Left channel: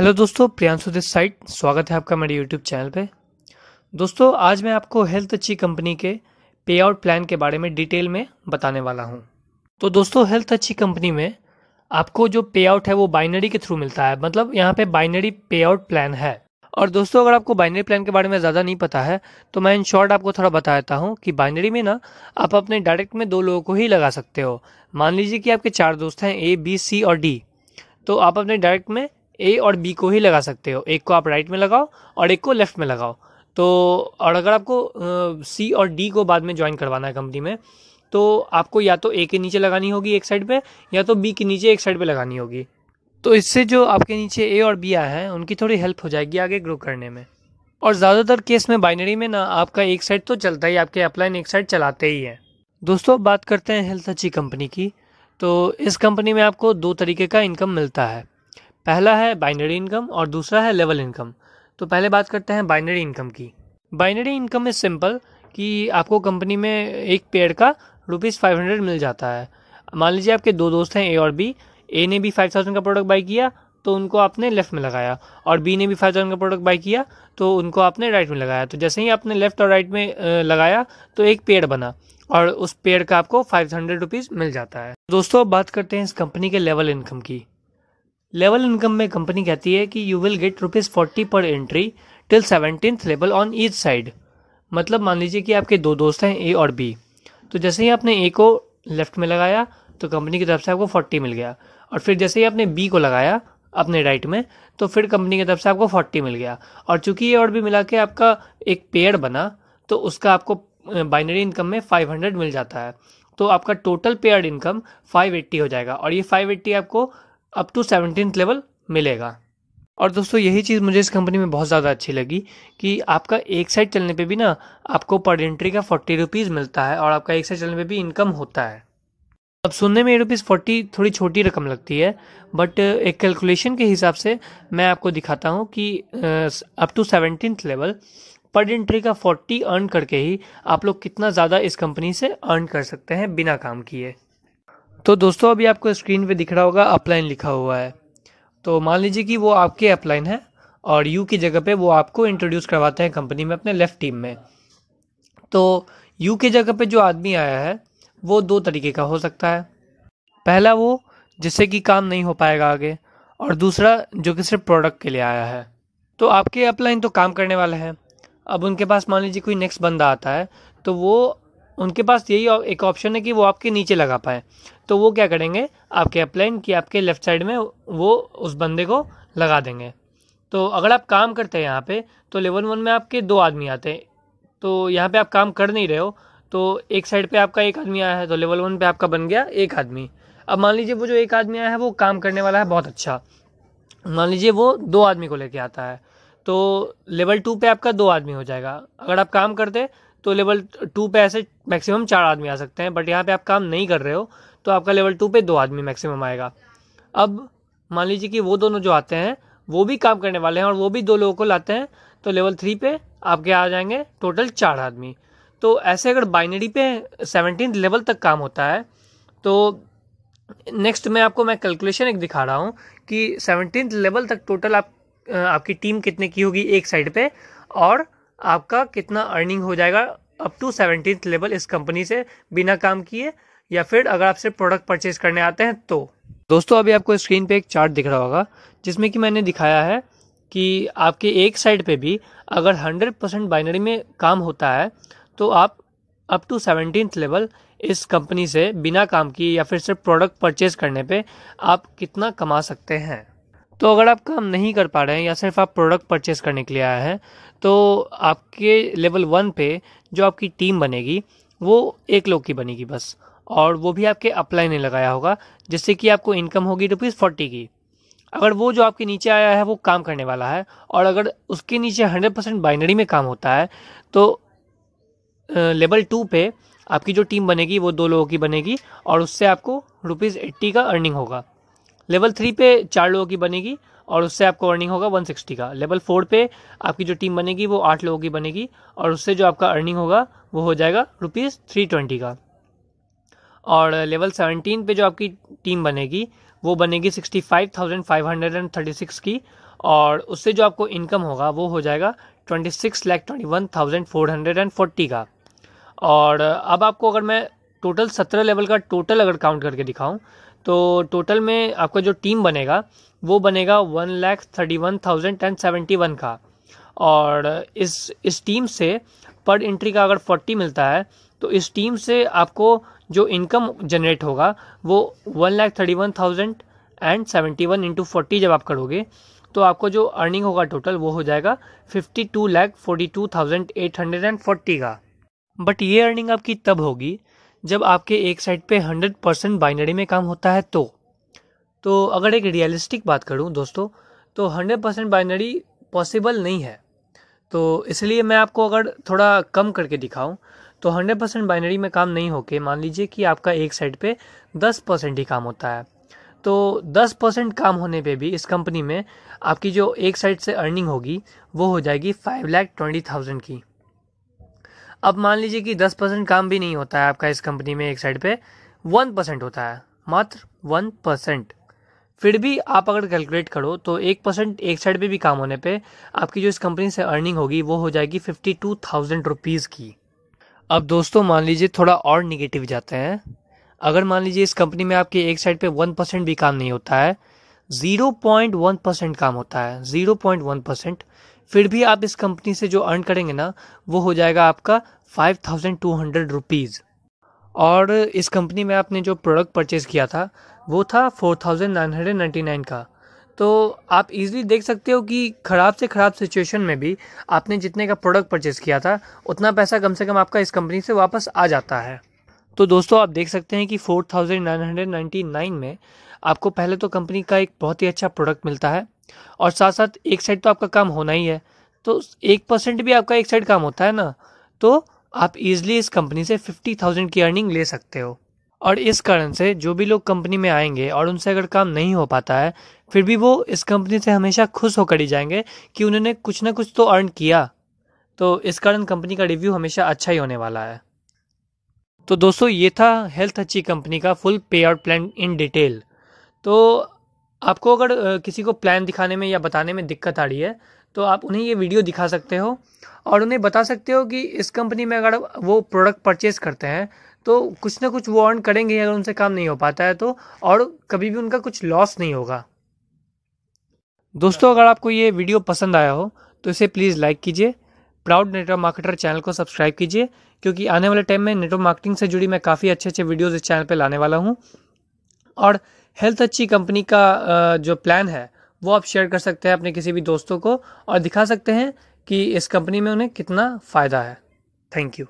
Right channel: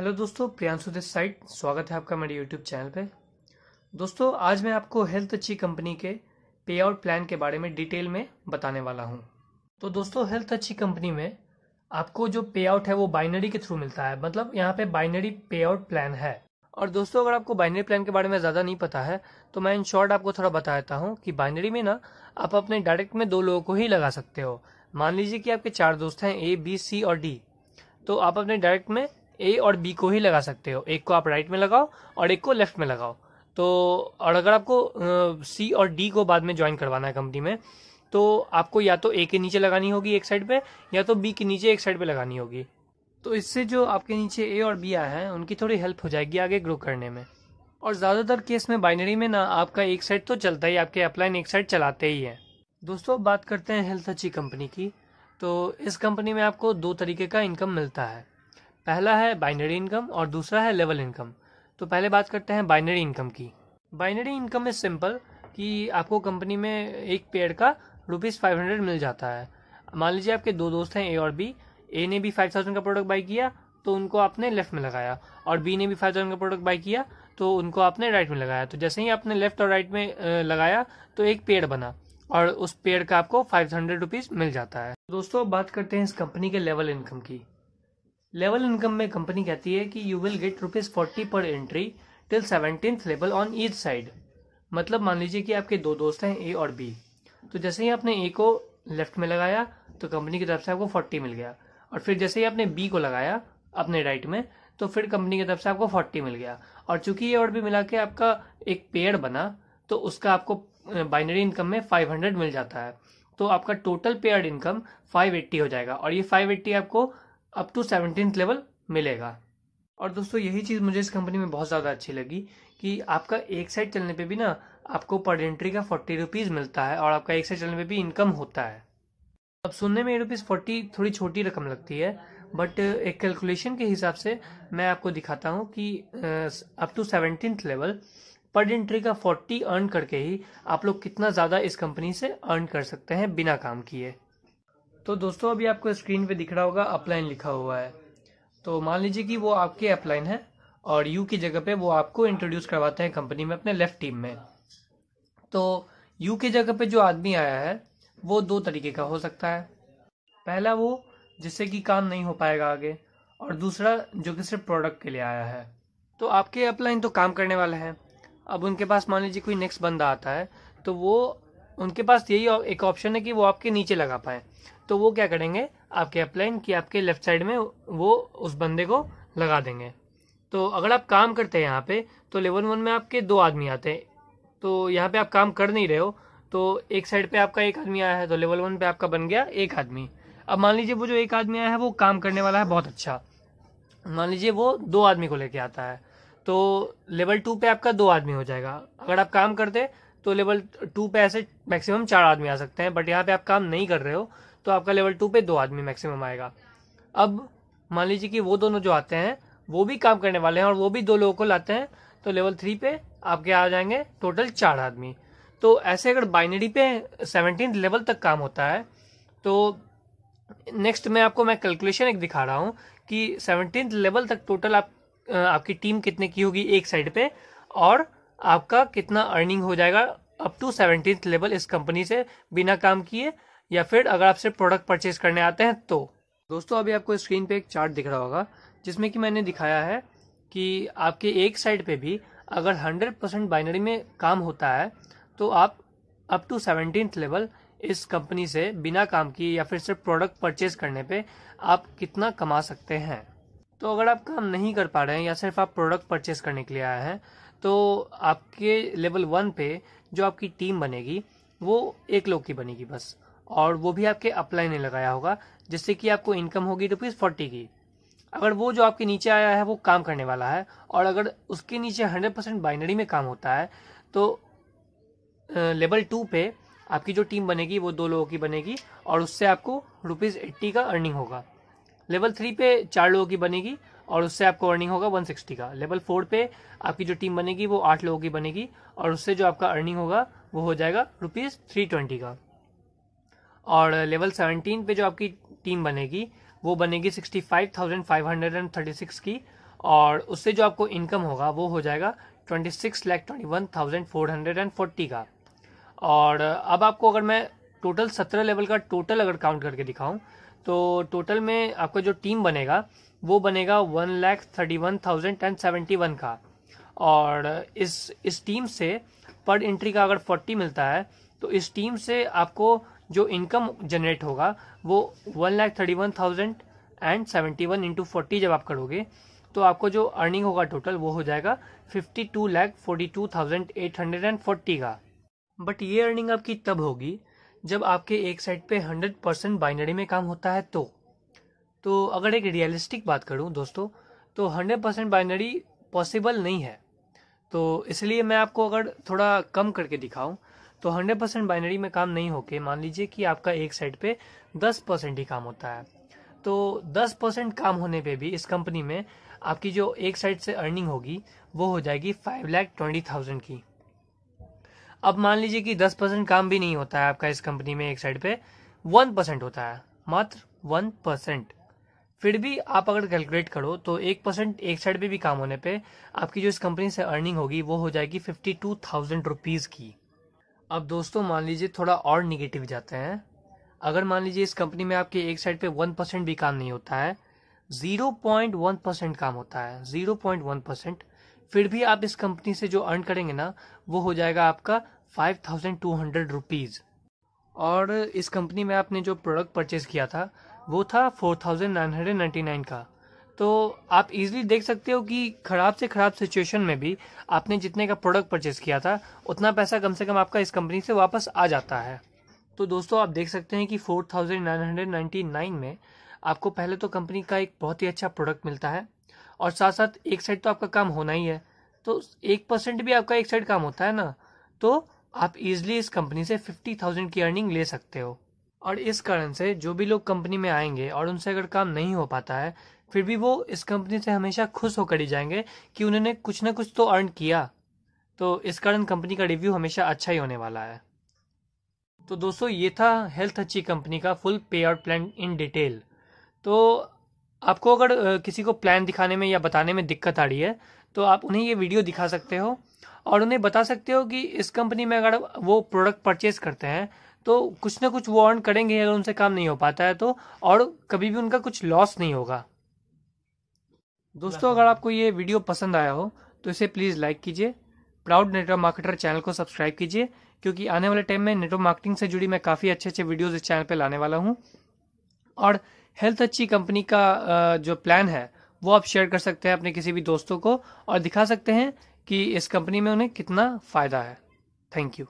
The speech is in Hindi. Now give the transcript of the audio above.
हेलो दोस्तों, प्रियांशु दिस साइड। स्वागत है आपका मेरे यूट्यूब चैनल पे। दोस्तों, आज मैं आपको हेल्थ अच्छी कंपनी के पे आउट प्लान के बारे में डिटेल में बताने वाला हूं। तो दोस्तों, हेल्थ अच्छी कंपनी में आपको जो पे आउट है वो बाइनरी के थ्रू मिलता है। मतलब यहाँ पे बाइनरी पे आउट प्लान है। और दोस्तों, अगर आपको बाइनरी प्लान के बारे में ज़्यादा नहीं पता है तो मैं इन शॉर्ट आपको थोड़ा बता देता हूँ कि बाइनरी में ना आप अपने डायरेक्ट में 2 लोगों को ही लगा सकते हो। मान लीजिए कि आपके 4 दोस्त हैं, A, B, C और D। तो आप अपने डायरेक्ट में ए और बी को ही लगा सकते हो। एक को आप राइट में लगाओ और एक को लेफ्ट में लगाओ। तो और अगर आपको सी और डी को बाद में ज्वाइन करवाना है कंपनी में, तो आपको या तो ए के नीचे लगानी होगी एक साइड पे, या तो बी के नीचे एक साइड पे लगानी होगी। तो इससे जो आपके नीचे ए और बी आए हैं उनकी थोड़ी हेल्प हो जाएगी आगे ग्रो करने में। और ज़्यादातर केस में बाइनरी में ना आपका एक साइड तो चलता ही, आपके अपलाइन एक साइड चलाते ही हैं। दोस्तों, बात करते हैं हेल्थ अच्छी कंपनी की। तो इस कंपनी में आपको 2 तरीके का इनकम मिलता है। पहला है बाइनरी इनकम और दूसरा है लेवल इनकम। तो पहले बात करते हैं बाइनरी इनकम की। बाइनरी इनकम इज सिंपल कि आपको कंपनी में एक पेड़ का ₹500 मिल जाता है। मान लीजिए आपके 2 दोस्त हैं, ए और बी। ए ने भी 5000 का प्रोडक्ट बाई किया तो उनको आपने लेफ्ट में लगाया, और बी ने भी 5000 का प्रोडक्ट बाई किया तो उनको आपने राइट में लगाया। तो जैसे ही आपने लेफ्ट और राइट में लगाया तो एक पेड़ बना और उस पेड़ का आपको ₹500 मिल जाता है। दोस्तों, बात करते हैं इस कंपनी के लेवल इनकम की। लेवल इनकम में कंपनी कहती है कि यू विल गेट ₹40 पर entry till 17th level on each side. मतलब मान लीजिए कि आपके 2 दोस्त हैं, ए और बी। तो जैसे ही आपने ए को लेफ्ट में लगाया तो कंपनी की तरफ से आपको 40 मिल गया, और फिर जैसे ही आपने बी को लगाया अपने राइट में तो फिर कंपनी की तरफ से आपको 40 मिल गया। और चूंकि ए और बी मिला के आपका एक पेयर बना तो उसका आपको बाइनरी इनकम में 500 मिल जाता है। तो आपका टोटल पेयर्ड इनकम 580 हो जाएगा, और ये 580 आपको अप टू 17th लेवल मिलेगा। और दोस्तों, यही चीज़ मुझे इस कंपनी में बहुत ज़्यादा अच्छी लगी कि आपका एक साइड चलने पे भी ना आपको पर एंट्री का ₹40 मिलता है, और आपका एक साइड चलने पे भी इनकम होता है। अब सुनने में ₹40 थोड़ी छोटी रकम लगती है, बट एक कैलकुलेशन के हिसाब से मैं आपको दिखाता हूँ कि अप टू 17th लेवल पर एंट्री का 40 अर्न करके ही आप लोग कितना ज़्यादा इस कंपनी से अर्न कर सकते हैं बिना काम किए। तो दोस्तों, अभी आपको स्क्रीन पे दिख रहा होगा अपलाइन लिखा हुआ है। तो मान लीजिए कि वो आपके अपलाइन है और यू की जगह पे वो आपको इंट्रोड्यूस करवाते हैं कंपनी में अपने लेफ्ट टीम में। तो यू की जगह पे जो आदमी आया है वो 2 तरीके का हो सकता है। पहला वो जिससे कि काम नहीं हो पाएगा आगे, और दूसरा जो कि सिर्फ प्रोडक्ट के लिए आया है। तो आपके अपलाइन तो काम करने वाले हैं। अब उनके पास मान लीजिए कोई नेक्स्ट बंदा आता है तो वो उनके पास यही एक ऑप्शन है कि वो आपके नीचे लगा पाए। तो वो क्या करेंगे, आपके अपलाइन की आपके लेफ्ट साइड में वो उस बंदे को लगा देंगे। तो अगर आप काम करते हैं यहाँ पे तो लेवल 1 में आपके 2 आदमी आते हैं। तो यहाँ पे आप काम कर नहीं रहे हो तो एक साइड पे आपका एक आदमी आया है तो लेवल 1 पे आपका बन गया एक आदमी। अब मान लीजिए वो जो एक आदमी आया है वो काम करने वाला है बहुत अच्छा। मान लीजिए वो 2 आदमी को लेके आता है तो लेवल 2 पे आपका 2 आदमी हो जाएगा। अगर आप काम करते तो लेवल 2 पे ऐसे मैक्सिमम 4 आदमी आ सकते हैं, बट यहाँ पे आप काम नहीं कर रहे हो तो आपका लेवल 2 पे 2 आदमी मैक्सिमम आएगा। अब मान लीजिए कि वो दोनों जो आते हैं वो भी काम करने वाले हैं और वो भी 2 लोगों को लाते हैं, तो लेवल 3 पे आपके आ जाएंगे टोटल 4 आदमी। तो ऐसे अगर बाइनरी पे 17th लेवल तक काम होता है तो नेक्स्ट मैं कैलकुलेशन एक दिखा रहा हूँ कि 17th लेवल तक टोटल आपकी टीम कितने की होगी एक साइड पे, और आपका कितना अर्निंग हो जाएगा अप टू 17th लेवल इस कंपनी से बिना काम किए, या फिर अगर आप सिर्फ प्रोडक्ट परचेज करने आते हैं तो। दोस्तों, अभी आपको स्क्रीन पे एक चार्ट दिख रहा होगा जिसमें कि मैंने दिखाया है कि आपके एक साइड पे भी अगर 100% बाइनरी में काम होता है तो आप अप टू 17th लेवल इस कंपनी से बिना काम किए या फिर सिर्फ प्रोडक्ट परचेज करने पे आप कितना कमा सकते हैं। तो अगर आप काम नहीं कर पा रहे हैं या सिर्फ आप प्रोडक्ट परचेज करने के लिए आए हैं तो आपके लेवल 1 पे जो आपकी टीम बनेगी वो 1 लोग की बनेगी बस, और वो भी आपके अपलाइन ने लगाया होगा, जिससे कि आपको इनकम होगी ₹40 की। अगर वो जो आपके नीचे आया है वो काम करने वाला है और अगर उसके नीचे 100% बाइनरी में काम होता है तो लेवल 2 पे आपकी जो टीम बनेगी वो 2 लोगों की बनेगी और उससे आपको ₹80 का अर्निंग होगा। लेवल 3 पे 4 लोगों की बनेगी और उससे आपको अर्निंग होगा 160 का। लेवल 4 पे आपकी जो टीम बनेगी वो 8 लोगों की बनेगी और उससे जो आपका अर्निंग होगा वो हो जाएगा ₹320 का। और लेवल 17 पे जो आपकी टीम बनेगी वो बनेगी 65,536 की, और उससे जो आपको इनकम होगा वो हो जाएगा 26,21,440 का। और अब आपको अगर मैं टोटल 17 लेवल का टोटल अगर काउंट करके दिखाऊं तो टोटल में आपका जो टीम बनेगा वो बनेगा 1,31,071 का। और इस टीम से पर एंट्री का अगर 40 मिलता है तो इस टीम से आपको जो इनकम जनरेट होगा वो 1,31,071 इंटू 40 जब आप करोगे तो आपको जो अर्निंग होगा टोटल वो हो जाएगा 52,42,840 का। बट ये अर्निंग आपकी तब होगी जब आपके एक साइड पे 100% बाइनरी में काम होता है। तो अगर एक रियलिस्टिक बात करूं दोस्तों तो 100% बाइनरी पॉसिबल नहीं है। तो इसलिए मैं आपको अगर थोड़ा कम करके दिखाऊं तो 100% बाइनरी में काम नहीं होके मान लीजिए कि आपका एक साइड पे 10% ही काम होता है। तो 10% काम होने पे भी इस कंपनी में आपकी जो एक साइड से अर्निंग होगी वो हो जाएगी 5,20,000 की। अब मान लीजिए कि 10% काम भी नहीं होता है आपका इस कंपनी में, एक साइड पे 1% होता है, मात्र 1%। फिर भी आप अगर कैलकुलेट करो तो 1% एक साइड पे भी काम होने पे आपकी जो इस कंपनी से अर्निंग होगी वो हो जाएगी 52,000 रुपीज़ की। अब दोस्तों मान लीजिए थोड़ा और निगेटिव जाते हैं। अगर मान लीजिए इस कंपनी में आपके एक साइड पे 1% भी काम नहीं होता है, 0.1% काम होता है, 0.1%, फिर भी आप इस कंपनी से जो अर्न करेंगे ना वो हो जाएगा आपका 5,200 रुपीज़। और इस कंपनी में आपने जो प्रोडक्ट परचेज किया था वो था 4,999 का। तो आप इजीली देख सकते हो कि ख़राब से ख़राब सिचुएशन में भी आपने जितने का प्रोडक्ट परचेज किया था उतना पैसा कम से कम आपका इस कंपनी से वापस आ जाता है। तो दोस्तों आप देख सकते हैं कि 4,999 में आपको पहले तो कंपनी का एक बहुत ही अच्छा प्रोडक्ट मिलता है, और साथ साथ एक साइड तो आपका काम होना ही है, तो 1% भी आपका एक साइड काम होता है ना, तो आप इजीली इस कंपनी से 50,000 की अर्निंग ले सकते हो। और इस कारण से जो भी लोग कंपनी में आएंगे और उनसे अगर काम नहीं हो पाता है फिर भी वो इस कंपनी से हमेशा खुश होकर ही जाएंगे कि उन्होंने कुछ ना कुछ तो अर्न किया। तो इस कारण कंपनी का रिव्यू हमेशा अच्छा ही होने वाला है। तो दोस्तों ये था हेल्थ अच्छी कंपनी का फुल पे आउट प्लान इन डिटेल। तो आपको अगर किसी को प्लान दिखाने में या बताने में दिक्कत आ रही है तो आप उन्हें ये वीडियो दिखा सकते हो और उन्हें बता सकते हो कि इस कंपनी में अगर वो प्रोडक्ट परचेज करते हैं तो कुछ ना कुछ वो अर्न करेंगे अगर उनसे काम नहीं हो पाता है तो, और कभी भी उनका कुछ लॉस नहीं होगा। दोस्तों अगर आपको ये वीडियो पसंद आया हो तो इसे प्लीज़ लाइक कीजिए, प्राउड नेटवर्क मार्केटर चैनल को सब्सक्राइब कीजिए, क्योंकि आने वाले टाइम में नेटवर्क मार्केटिंग से जुड़ी मैं काफ़ी अच्छे अच्छे वीडियोज़ इस चैनल पर लाने वाला हूँ। और हेल्थ अच्छी कंपनी का जो प्लान है वो आप शेयर कर सकते हैं अपने किसी भी दोस्तों को और दिखा सकते हैं कि इस कंपनी में उन्हें कितना फ़ायदा है। Thank you.